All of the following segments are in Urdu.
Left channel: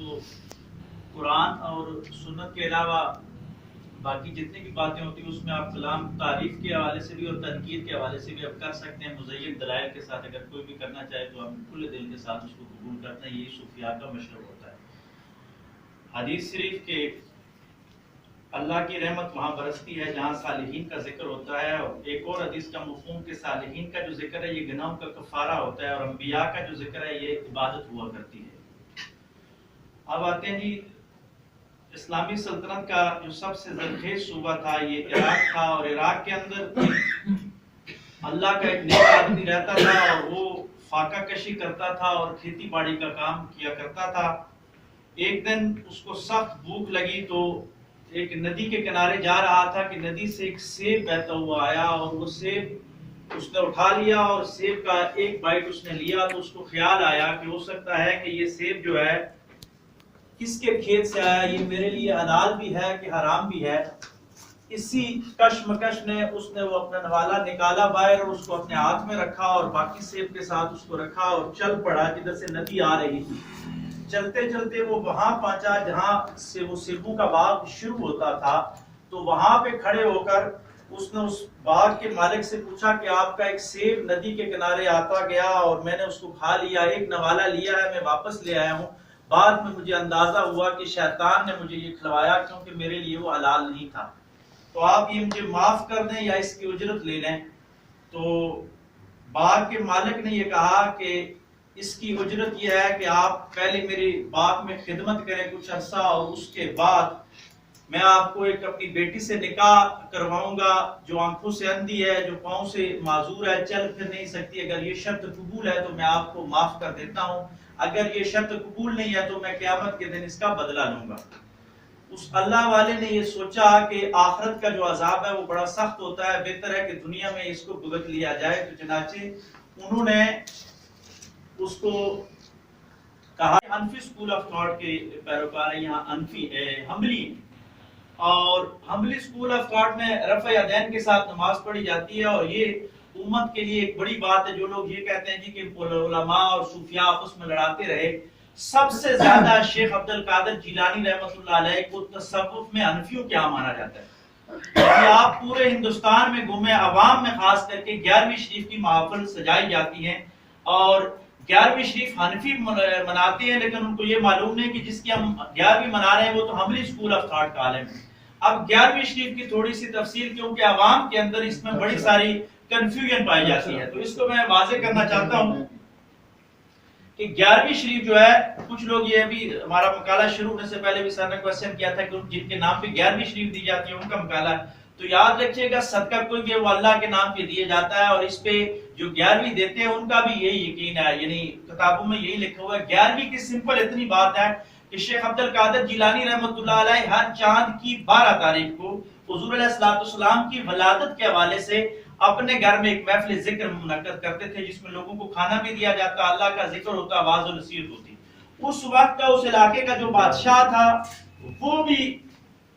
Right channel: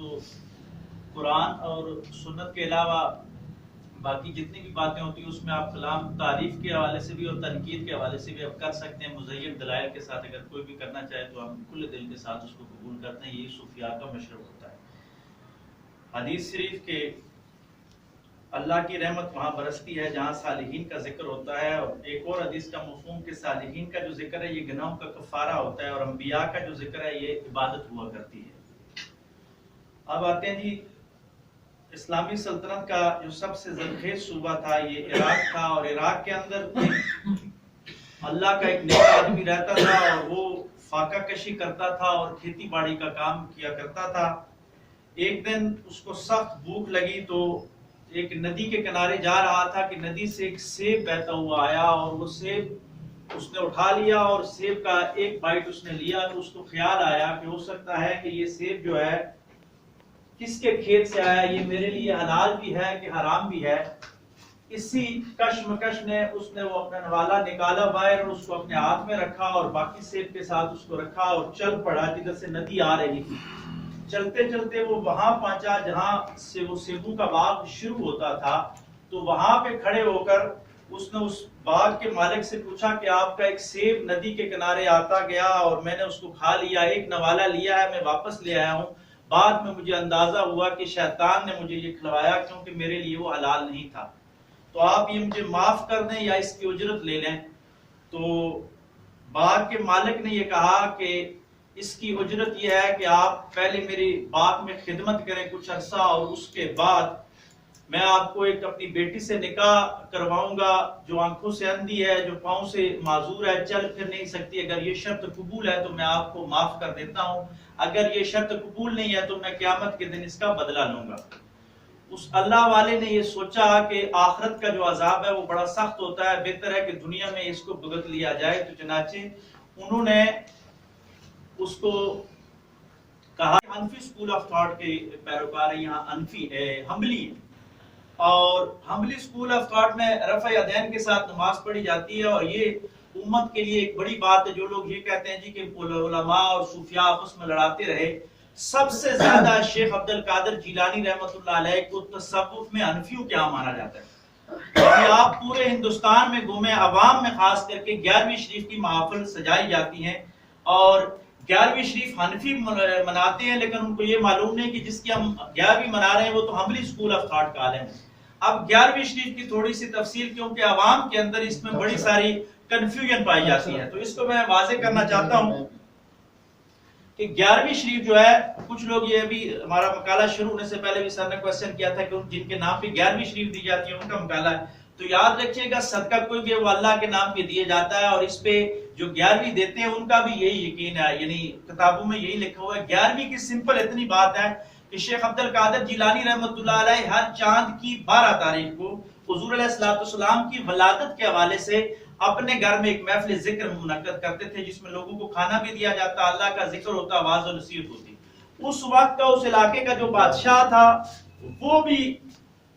تو قرآن اور سنت کے علاوہ باقی جتنی بھی باتیں ہوتی ہیں اس میں آپ کلام تعریف کے حوالے سے بھی اور تنقید کے حوالے سے بھی آپ کر سکتے ہیں مزین دلائل کے ساتھ. اگر کوئی بھی کرنا چاہے تو ہم کھلے دل کے ساتھ اس کو قبول کرتے ہیں. یہی صوفیاء کا مشرب ہوتا ہے. حدیث شریف کے اللہ کی رحمت وہاں برستی ہے جہاں صالحین کا ذکر ہوتا ہے, اور ایک اور حدیث کا مفہوم کہ صالحین کا جو ذکر ہے یہ گناہوں کا کفارہ ہوتا ہے, اور انبیاء کا جو ذکر ہے یہ عبادت ہوا کرتی ہے. اب آتے ہیں جی اسلامی سلطنت کا جو سب سے زرخیز صوبہ تھا یہ عراق تھا, اور عراق کے اندر اللہ کا ایک نیک آدمی رہتا تھا اور وہ فاقہ کشی کرتا تھا اور کھیتی باڑی کا کام کیا کرتا تھا. ایک دن اس کو سخت بھوک لگی تو ایک ندی کے کنارے جا رہا تھا کہ ندی سے ایک سیب بہتا ہوا آیا, اور وہ سیب اس نے اٹھا لیا اور سیب کا ایک بائٹ اس نے لیا. تو اس کو خیال آیا کہ ہو سکتا ہے کہ یہ سیب جو ہے کس کے کھیت سے آیا, یہ میرے لیے حلال بھی ہے کہ حرام بھی ہے. اسی کشمکش نے اس نے وہ اپنا نوالا نکالا باہر اور اس کو اپنے ہاتھ میں رکھا اور باقی سیب کے ساتھ اس کو رکھا اور چل پڑا جدھر سے ندی آ رہی تھی. چلتے چلتے وہ وہاں پہنچا جہاں سے وہ سیبوں کا باغ شروع ہوتا تھا. تو وہاں پہ کھڑے ہو کر اس نے اس باغ کے مالک سے پوچھا کہ آپ کا ایک سیب ندی کے کنارے آتا گیا اور میں نے اس کو کھا لیا, ایک نوالا لیا ہے, میں واپس لے آیا ہوں. بعد میں مجھے اندازہ ہوا کہ شیطان نے مجھے یہ کھلوایا کیونکہ میرے لیے وہ حلال نہیں تھا, تو آپ یہ مجھے معاف کر دیں یا اس کی اجرت لے لیں. تو باغ کے مالک نے یہ کہا کہ اس کی اجرت یہ ہے کہ آپ پہلے میری باغ میں خدمت کریں کچھ عرصہ, اور اس کے بعد میں آپ کو ایک اپنی بیٹی سے نکاح کرواؤں گا جو آنکھوں سے اندھی ہے, جو پاؤں سے معذور ہے, چل پھر نہیں سکتی. اگر یہ شرط قبول ہے تو میں آپ کو معاف کر دیتا ہوں, اگر یہ شرط قبول نہیں ہے تو میں قیامت کے دن اس کا بدلہ لوں گا. اس اللہ والے نے یہ سوچا کہ آخرت کا جو عذاب ہے وہ بڑا سخت ہوتا ہے, بہتر ہے کہ دنیا میں اس کو بھگت لیا جائے. تو چنانچہ انہوں نے اس کو کہا حنفی سکول آف تھاٹ کے پیروکار ہیں یہاں, حنفی حنبلی, اور حنبلی سکول آف تھاٹ میں رفع یدین کے ساتھ نماز پڑھی جاتی ہے. اور یہ امت کے لیے ایک بڑی بات ہے. جو لوگ یہ کہتے ہیں جی کہ علماء اور صوفیاء آپس میں لڑاتے رہے, سب سے زیادہ شیخ عبد القادر جیلانی رحمۃ اللہ علیہ کو تصوف میں حنفیوں کیا مانا جاتا ہے. کہ آپ پورے ہندوستان میں گھومے, عوام میں خاص کر کے 11ویں شریف کی محافل سجائی جاتی ہیں, اور 11ویں شریف حنفی مناتے ہیں, لیکن ان کو یہ معلوم نہیں کہ جس کی ہم 11ویں منا رہے ہیں وہ تو حنبلی سکول آف تھاٹ کا عالم ہے. اب 11ویں شریف کی تھوڑی سی تفصیل, کیونکہ عوام کے اندر اس میں بڑی ساری کنفیوژن پائی جاتی ہے, تو اس کو میں واضح کرنا چاہتا ہوں کہ 11ویں شریف جو ہے, کچھ لوگ یہ بھی ہمارا مقالہ شروع ہونے سے پہلے بھی سر نے کوشچن کیا تھا کہ جن کے نام پہ 11ویں شریف دی جاتی ہے ان کا مقالہ ہے. تو یاد رکھیے گا صدقہ کوئی بھی وہ اللہ کے نام پہ دیے جاتا ہے, اور اس پہ جو 11ویں دیتے ہیں ان کا بھی یہی یقین ہے, یعنی کتابوں میں یہی لکھا ہوا ہے. 11ویں کی سمپل اتنی بات ہے کہ شیخ عبد القادر جیلانی رحمۃ اللہ علیہ ہر چاند کی 12 تاریخ کو حضور علیہ السلام کی ولادت کے حوالے سے اپنے گھر میں ایک محفل ذکر منعقد کرتے تھے, جس میں لوگوں کو کھانا بھی دیا جاتا, اللہ کا ذکر ہوتا, واعظ و نصیحت ہوتی. اس وقت کا اس علاقے کا جو بادشاہ تھا وہ بھی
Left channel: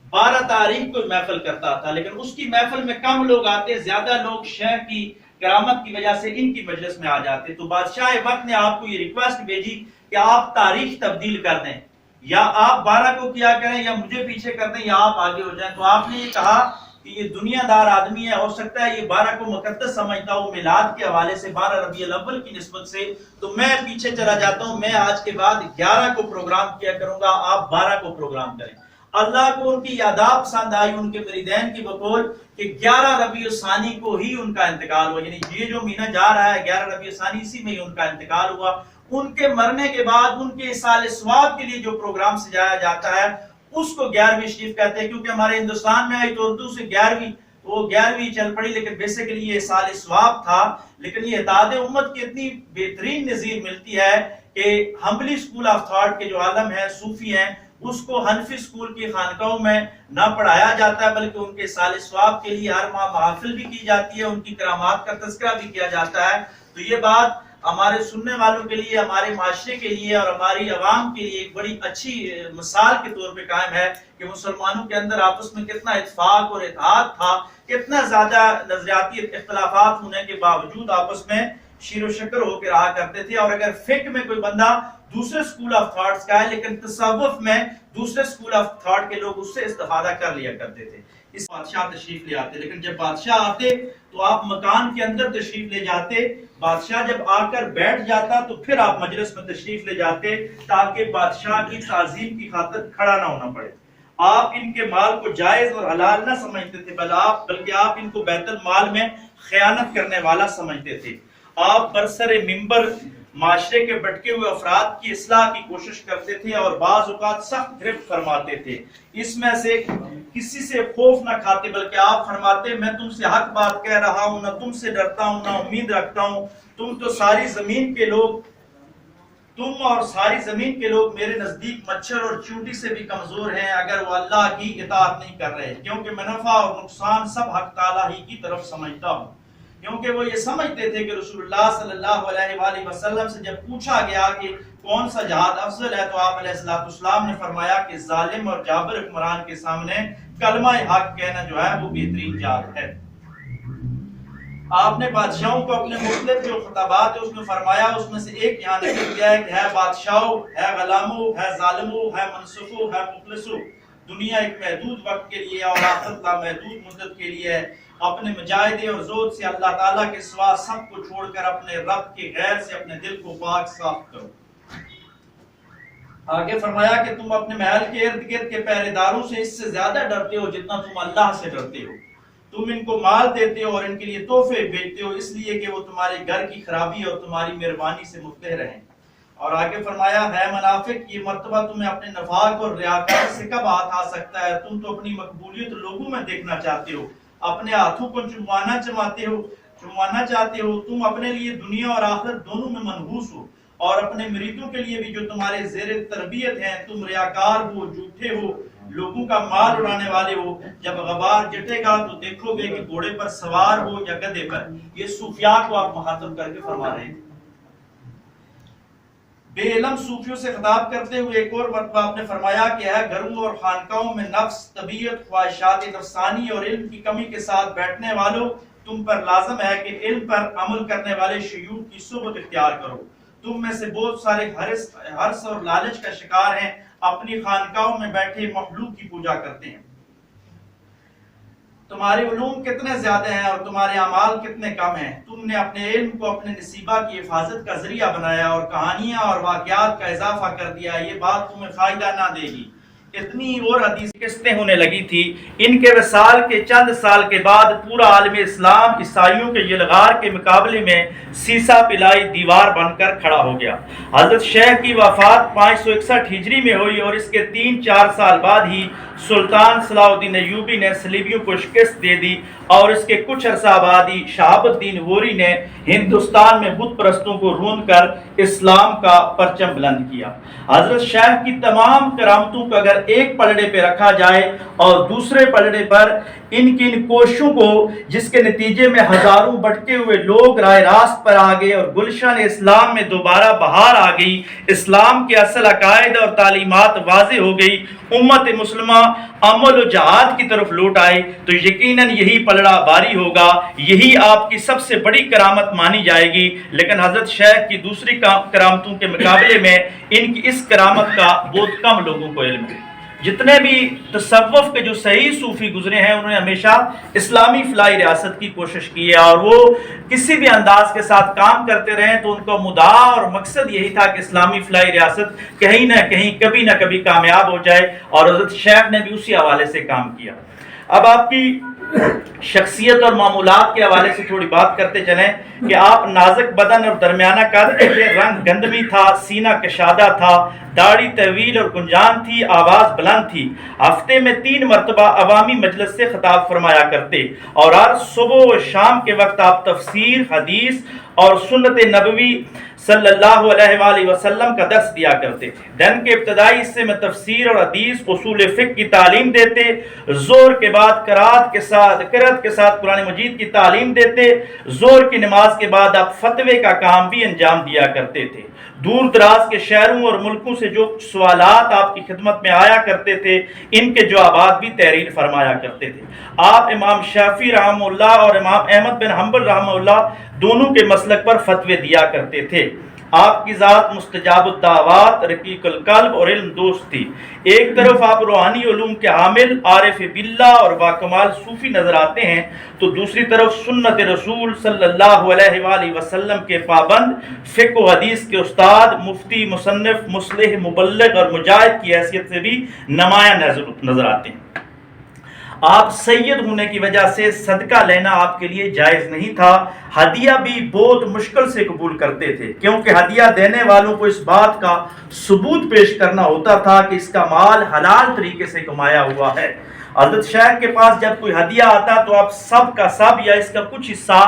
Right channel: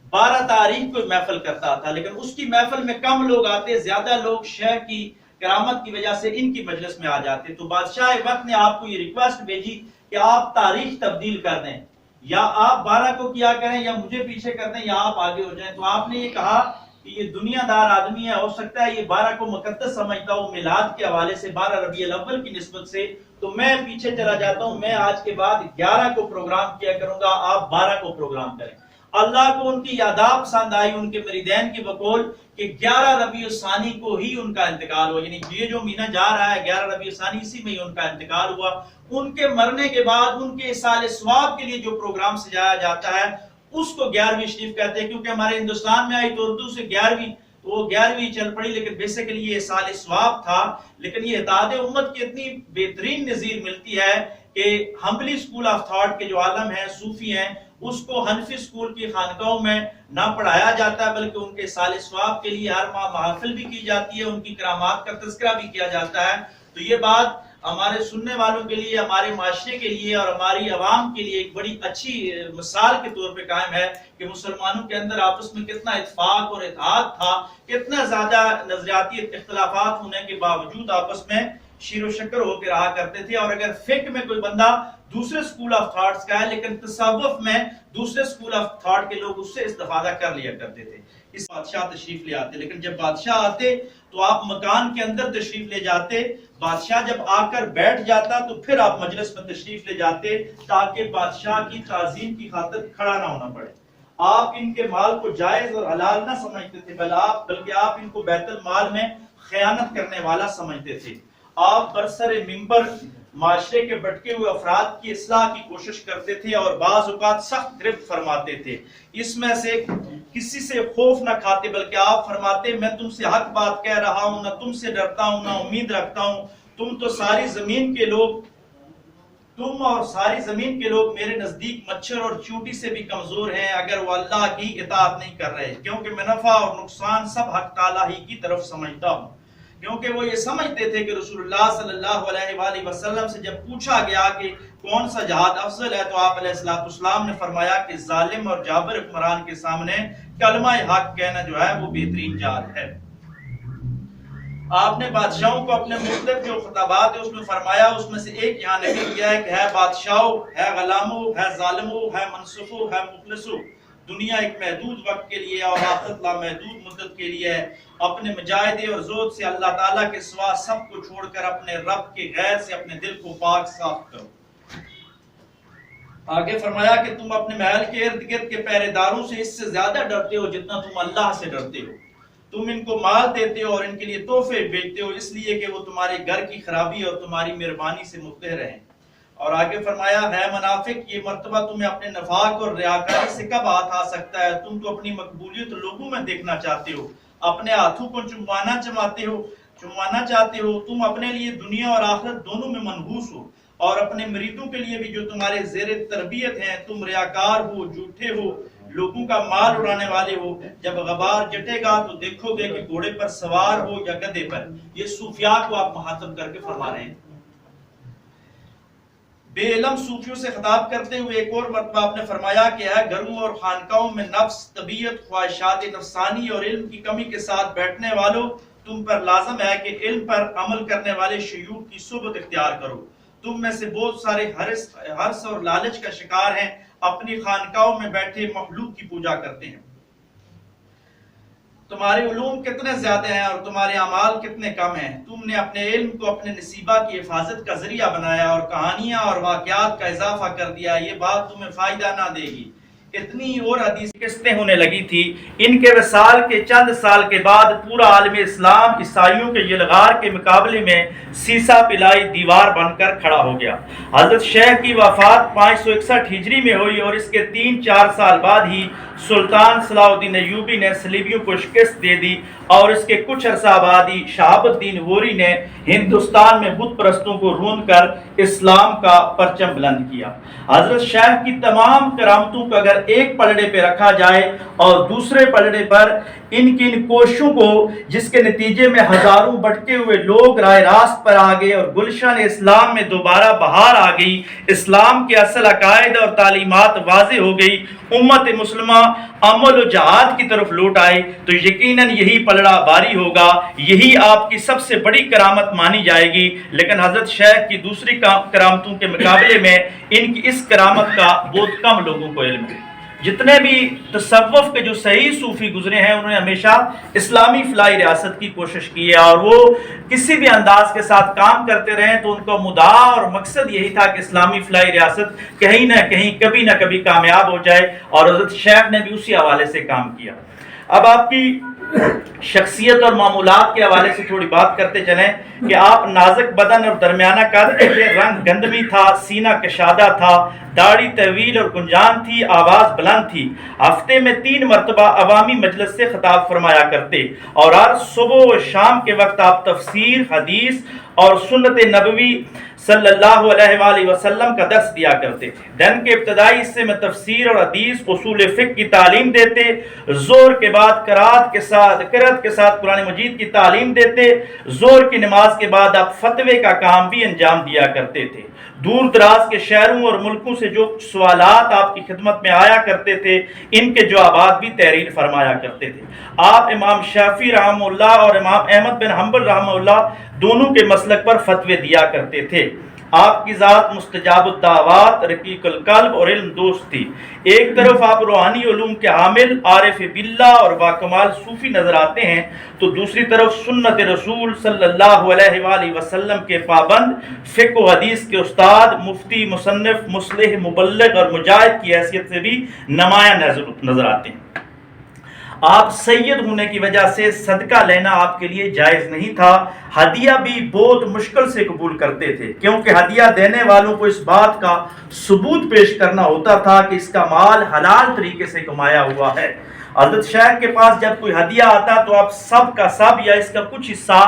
12 تاریخ کو محفل کرتا تھا, لیکن اس کی محفل میں کم لوگ آتے, زیادہ لوگ شہر کی کرامت کی وجہ سے ان کی مجلس میں آ جاتے. تو بادشاہ وقت نے آپ کو یہ ریکویسٹ بھیجی کہ آپ تاریخ تبدیل کر دیں, یا آپ 12 کو کیا کریں یا مجھے پیچھے کر دیں یا آپ آگے ہو جائیں. تو آپ نے یہ کہا کہ یہ دنیا دار آدمی ہے, ہو سکتا ہے یہ 12 کو مقدس سمجھتا ہوں میلاد کے حوالے سے, 12 ربیع الاول کی نسبت سے, تو میں پیچھے چلا جاتا ہوں, میں آج کے بعد 11 کو پروگرام کیا کروں گا, آپ 12 کو پروگرام کریں. اللہ کو ان کی یاداب پسند آئی, ان کے مریدین کی بقول کہ 11 ربیع الثانی کو ہی ان کا انتقال ہوا, یعنی یہ جو مہینہ جا رہا ہے 11 ربیع الثانی, اسی میں ہی ان کا انتقال ہوا. ان کے مرنے کے بعد ان کے اصال ثواب کے لیے جو پروگرام سجایا جاتا ہے اس کو 11ویں شریف کہتے ہیں, کیونکہ ہمارے ہندوستان میں آئی تو اردو سے 11ویں, وہ 11ویں چل پڑی, لیکن بیسیکلی یہ اصال ثواب تھا. لیکن یہ اتحاد امت کی اتنی بہترین نظیر ملتی ہے کہ حنبلی سکول آف تھاٹ کے جو عالم ہیں, صوفی ہیں, اس کو حنفی سکول کی خانقاہوں میں نہ پڑھایا جاتا ہے, بلکہ ان کے سال ثواب کے لیے ہر ماہ محافل بھی کی جاتی ہے, ان کی کرامات کا تذکرہ بھی کیا جاتا ہے. تو یہ بات ہمارے سننے والوں کے لیے, ہمارے معاشرے کے لیے اور ہماری عوام کے لیے ایک بڑی اچھی مثال کے طور پہ قائم ہے کہ مسلمانوں کے اندر آپس میں کتنا اتفاق اور اتحاد تھا, کتنا زیادہ نظریاتی اختلافات ہونے کے باوجود آپس میں شیر و شکر ہو کے رہا کرتے تھے. اور اگر فقہ میں کوئی بندہ دوسرے سکول آف تھاٹس کا ہے لیکن تصوف میں دوسرے سکول آف تھاٹ کے لوگ اس سے استفادہ کر لیا کرتے تھے. اس بادشاہ تشریف لے آتے, لیکن جب بادشاہ آتے تو آپ مکان کے اندر تشریف لے جاتے. بادشاہ جب آ کر بیٹھ جاتا تو پھر آپ مجلس میں تشریف لے جاتے تاکہ بادشاہ کی تعظیم کی خاطر کھڑا نہ ہونا پڑے. آپ ان کے مال کو جائز اور حلال نہ سمجھتے تھے, بلکہ آپ ان کو بیت المال میں خیانت کرنے والا سمجھتے تھے. آپ برسر منبر معاشرے کے بٹکے ہوئے افراد کی اصلاح کی کوشش کرتے تھے اور بعض اوقات سخت گرفت فرماتے تھے. اس میں سے کسی سے خوف نہ کھاتے, بلکہ آپ فرماتے میں تم سے حق بات کہہ رہا ہوں, نہ تم سے ڈرتا ہوں, نہ امید رکھتا ہوں. تم اور ساری زمین کے لوگ میرے نزدیک مچھر اور چونٹی سے بھی کمزور ہیں اگر وہ اللہ کی اطاعت نہیں کر رہے, کیونکہ میں نفع اور نقصان سب حق تعالی ہی کی طرف سمجھتا ہوں. کیونکہ وہ یہ سمجھتے تھے کہ رسول اللہ صلی اللہ علیہ وآلہ وسلم سے جب پوچھا گیا کہ کون سا جہاد افضل ہے تو آپ علیہ السلام نے فرمایا کہ ظالم اور جابر حکمران کے سامنے کلمہ حق کہنا جو ہے وہ بہترین جہاد ہے. آپ نے بادشاہوں کو اپنے مختلف جو خطابات ہے اس میں فرمایا, اس میں سے ایک یہاں نقل کیا ہے کہ ہے بادشاہو, ہے غلامو, ہے ظالمو, ہے منصفو, ہے مخلصو. دنیا ایک محدود وقت کے لیے اور آخرت لامحدود مدت کے لیے ہے. اپنے مجاہدے اور زہد سے اللہ تعالیٰ کے سوا سب کو چھوڑ کر اپنے رب کے غیر سے اپنے دل کو پاک صاف کرو. آگے فرمایا کہ تم اپنے محل کے ارد گرد کے پہرے داروں سے اس سے زیادہ ڈرتے ہو جتنا تم اللہ سے ڈرتے ہو. تم ان کو مال دیتے ہو اور ان کے لیے تحفے بیچتے ہو اس لیے کہ وہ تمہارے گھر کی خرابی اور تمہاری مہربانی سے مفتخر رہیں. اور آگے فرمایا ہے منافق, یہ مرتبہ تمہیں اپنے نفاق اور ریاکاری سے کب ہاتھ آ سکتا ہے؟ تم تو اپنی مقبولیت لوگوں میں دیکھنا چاہتے ہو, اپنے ہاتھوں کو چموانا چاہتے ہو. تم اپنے لیے دنیا اور آخرت دونوں میں منحوس ہو اور اپنے مریدوں کے لیے بھی جو تمہارے زیر تربیت ہیں. تم ریاکار ہو, جھوٹے ہو, لوگوں کا مال اڑانے والے ہو. جب غبار جٹے گا تو دیکھو گے کہ گھوڑے پر سوار ہو یا گدھے پر. یہ صوفیاء کو آپ مخاطب کر کے فرما رہے ہیں. بے علم صوفیوں سے خطاب کرتے ہوئے ایک اور مرتبہ آپ نے فرمایا کہ ہے گھروں اور خانقاہوں میں نفس, طبیعت, خواہشات نفسانی اور علم کی کمی کے ساتھ بیٹھنے والوں, تم پر لازم ہے کہ علم پر عمل کرنے والے شیوخ کی صحبت اختیار کرو. تم میں سے بہت سارے حرص اور لالچ کا شکار ہیں, اپنی خانقاہوں میں بیٹھے مخلوق کی پوجا کرتے ہیں. تمہارے علوم کتنے زیادہ ہیں اور تمہارے اعمال کتنے کم ہیں. تم نے اپنے علم کو اپنے نصیبہ کی حفاظت کا ذریعہ بنایا اور کہانیاں اور واقعات کا اضافہ کر دیا. یہ بات تمہیں فائدہ نہ دے گی. اتنی اور حدیث قسطیں ہونے لگی تھی. ان کے وصال کے چند سال کے بعد پورا عالم اسلام عیسائیوں کے یلغار کے مقابلے میں سیسا پلائی دیوار بن کر کھڑا ہو گیا. حضرت شیخ کی وفات 561 ہجری میں ہوئی اور اس کے 3-4 سال بعد ہی سلطان صلاح الدین ایوبی نے صلیبیوں کو شکست دے دی اور اس کے کچھ عرصہ بعد ہی شہاب الدین غوری نے ہندوستان میں بت پرستوں کو روند کر اسلام کا پرچم بلند کیا. حضرت شیخ کی تمام کرامتوں کو اگر ایک پلڑے پہ رکھا جائے اور دوسرے پلڑے پر ان کی کوششوں کو, جس کے نتیجے میں ہزاروں بٹکے ہوئے لوگ راہ راست پر آ گئے اور گلشن اسلام میں دوبارہ بہار آ گئی, اسلام کے اصل عقائد اور تعلیمات واضح ہو گئی, امت مسلمہ عمل و جہاد کی طرف لوٹ آئے, تو یقیناً یہی پلڑا باری ہوگا, یہی آپ کی سب سے بڑی کرامت مانی جائے گی. لیکن حضرت شیخ کی دوسری کرامتوں کے مقابلے میں ان کی اس کرامت کا بہت کم لوگوں کو علم ہے. جتنے بھی تصوف کے جو صحیح صوفی گزرے ہیں انہوں نے ہمیشہ اسلامی فلاحی ریاست کی کوشش کی ہے اور وہ کسی بھی انداز کے ساتھ کام کرتے رہے تو ان کا مدعا اور مقصد یہی تھا کہ اسلامی فلاحی ریاست کہیں نہ کہیں کبھی نہ کبھی کامیاب ہو جائے, اور حضرت شیخ نے بھی اسی حوالے سے کام کیا. اب آپ کی شخصیت اور معمولات کے حوالے سے تھوڑی بات کرتے چلیں کہ آپ نازک بدن اور درمیانہ قد تھے, رنگ گندمی تھا, سینہ کشادہ تھا, داڑھی طویل اور گنجان تھی, آواز بلند تھی. ہفتے میں 3 مرتبہ عوامی مجلس سے خطاب فرمایا کرتے اور ہر صبح و شام کے وقت آپ تفسیر, حدیث اور سنت نبوی صلی اللہ علیہ وآلہ وسلم کا درس دیا کرتے. دن کے ابتدائی حصے میں تفسیر اور حدیث, اصول فقہ کی تعلیم دیتے. ظہر کے بعد قرات کے ساتھ قرآن مجید کی تعلیم دیتے. ظہر کی نماز کے بعد آپ فتوے کا کام بھی انجام دیا کرتے تھے. دور دراز کے شہروں اور ملکوں سے جو سوالات آپ کی خدمت میں آیا کرتے تھے ان کے جوابات بھی تحریر فرمایا کرتے تھے۔ آپ امام شافعی رحمہ اللہ اور امام احمد بن حنبل رحمہ اللہ دونوں کے مسلک پر فتوے دیا کرتے تھے۔ آپ کی ذات مستجاب الدعوات، رقیق القلب اور علم دوست تھی۔ ایک طرف آپ روحانی علوم کے حامل، عارف باللہ اور باکمال صوفی نظر آتے ہیں، تو دوسری طرف سنت رسول صلی اللہ علیہ وآلہ وسلم کے پابند، فقہ و حدیث کے استاد، مفتی، مصنف، مصلح، مبلغ اور مجاہد کی حیثیت سے بھی نمایاں نظر آتے ہیں۔ آپ سید ہونے کی وجہ سے صدقہ لینا آپ کے لیے جائز نہیں تھا، ہدیہ بھی بہت مشکل سے قبول کرتے تھے، کیونکہ ہدیہ دینے والوں کو اس بات کا ثبوت پیش کرنا ہوتا تھا کہ اس کا مال حلال طریقے سے کمایا ہوا ہے۔ حضرت شیخ کے پاس جب کوئی ہدیہ آتا تو آپ سب کا سب یا اس کا کچھ حصہ